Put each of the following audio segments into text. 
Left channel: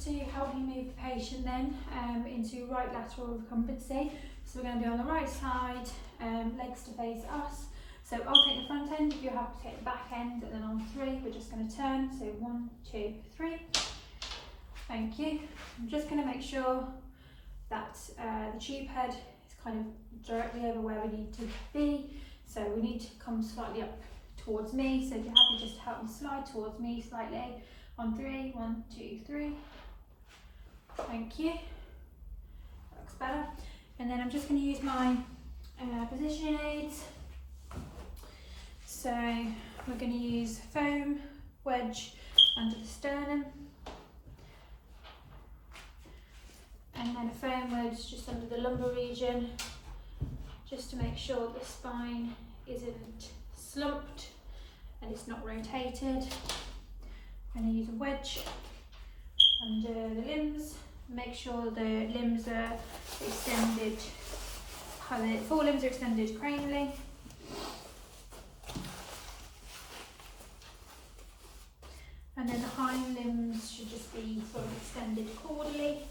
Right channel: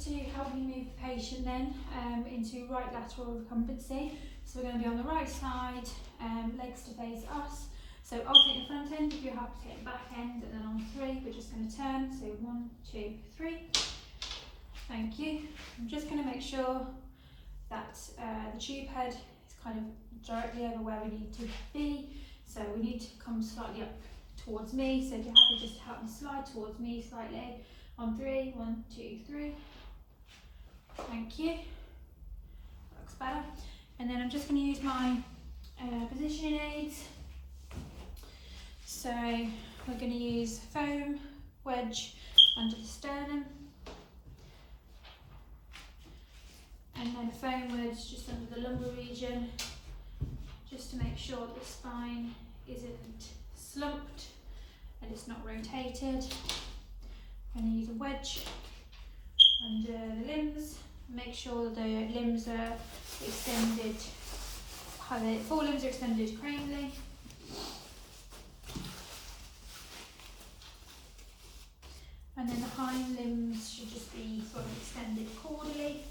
just to help me move the patient then into right lateral recumbency. So we're going to be on the right side, legs to face us. So I'll take the front end, you have to take the back end, and then on 3 we're just going to turn. So 1, 2, 3. Thank you. I'm just going to make sure that the tube head is kind of directly over where we need to be. So we need to come slightly up towards me. So if you're happy, just help me slide towards me slightly. On 3, 1, 2, 3. Thank you. Looks better. And then I'm just going to use my positioning aids. So we're going to use foam wedge under the sternum, and then a foam wedge just under the lumbar region, just to make sure the spine isn't slumped and it's not rotated. I'm going to use a wedge under the limbs, make sure the limbs are extended, how the forelimbs are extended cranially. And then the hind limbs should just be sort of extended caudally.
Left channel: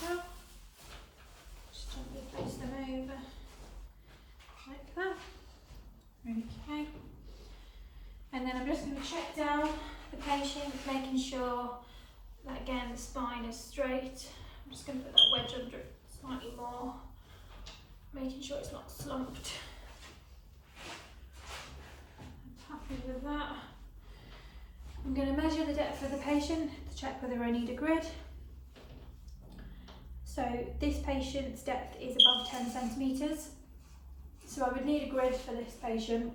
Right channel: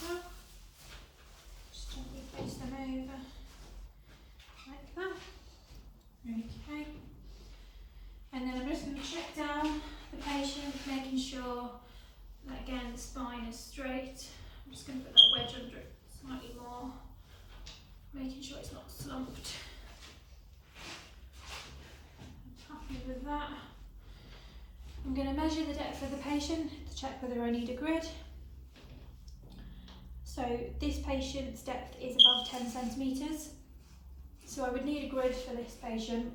So, just gently face them over, like that. Okay. And then I'm just going to check down the patient, making sure that again the spine is straight. I'm just going to put that wedge under it slightly more, making sure it's not slumped. I'm happy with that. I'm going to measure the depth of the patient to check whether I need a grid. So this patient's depth is above 10 centimetres. So I would need a grid for this patient,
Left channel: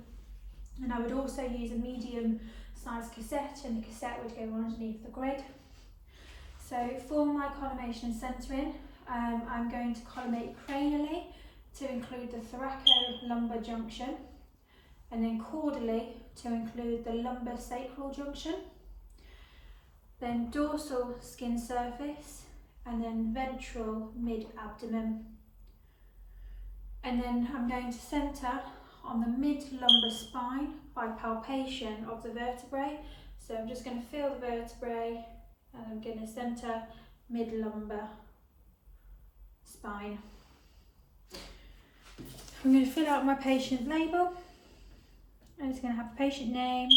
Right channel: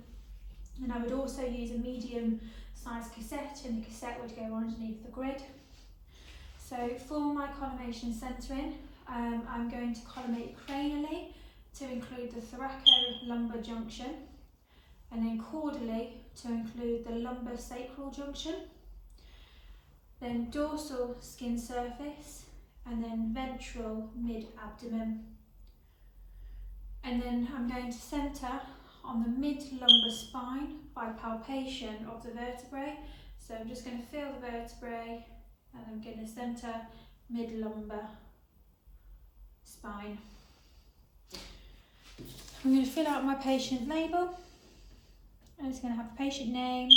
and I would also use a medium sized cassette, and the cassette would go underneath the grid. So for my collimation and centering, I'm going to collimate cranially to include the thoracolumbar junction, and then caudally to include the lumbar sacral junction, then dorsal skin surface, and then ventral mid-abdomen. And then I'm going to centre on the mid-lumbar spine by palpation of the vertebrae. So I'm just going to feel the vertebrae, and I'm going to centre mid-lumbar spine. I'm going to fill out my patient label. I'm just going to have the patient name,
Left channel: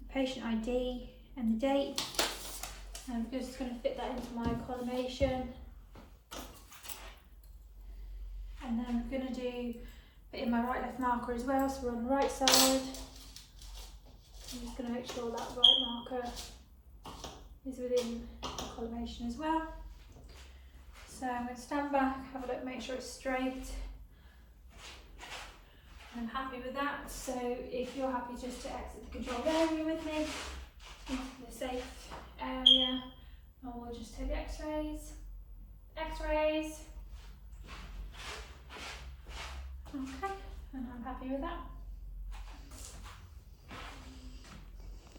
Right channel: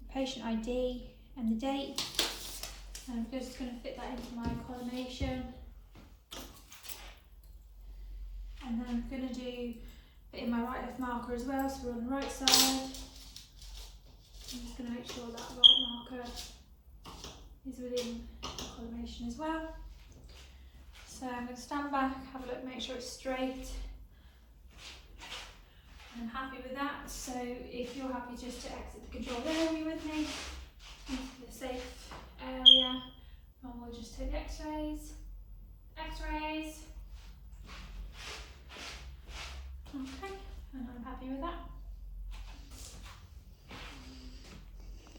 the patient ID, and the date. And I'm just going to fit that into my collimation. And then I'm going to put in my right left marker as well, so we're on the right side. I'm just going to make sure that right marker is within the collimation as well. So I'm going to stand back, have a look, make sure it's straight. I'm happy with that, so if you're happy just to exit the controlled area with me, into the safe area, and we'll just take the x-rays. Okay, and I'm happy with that.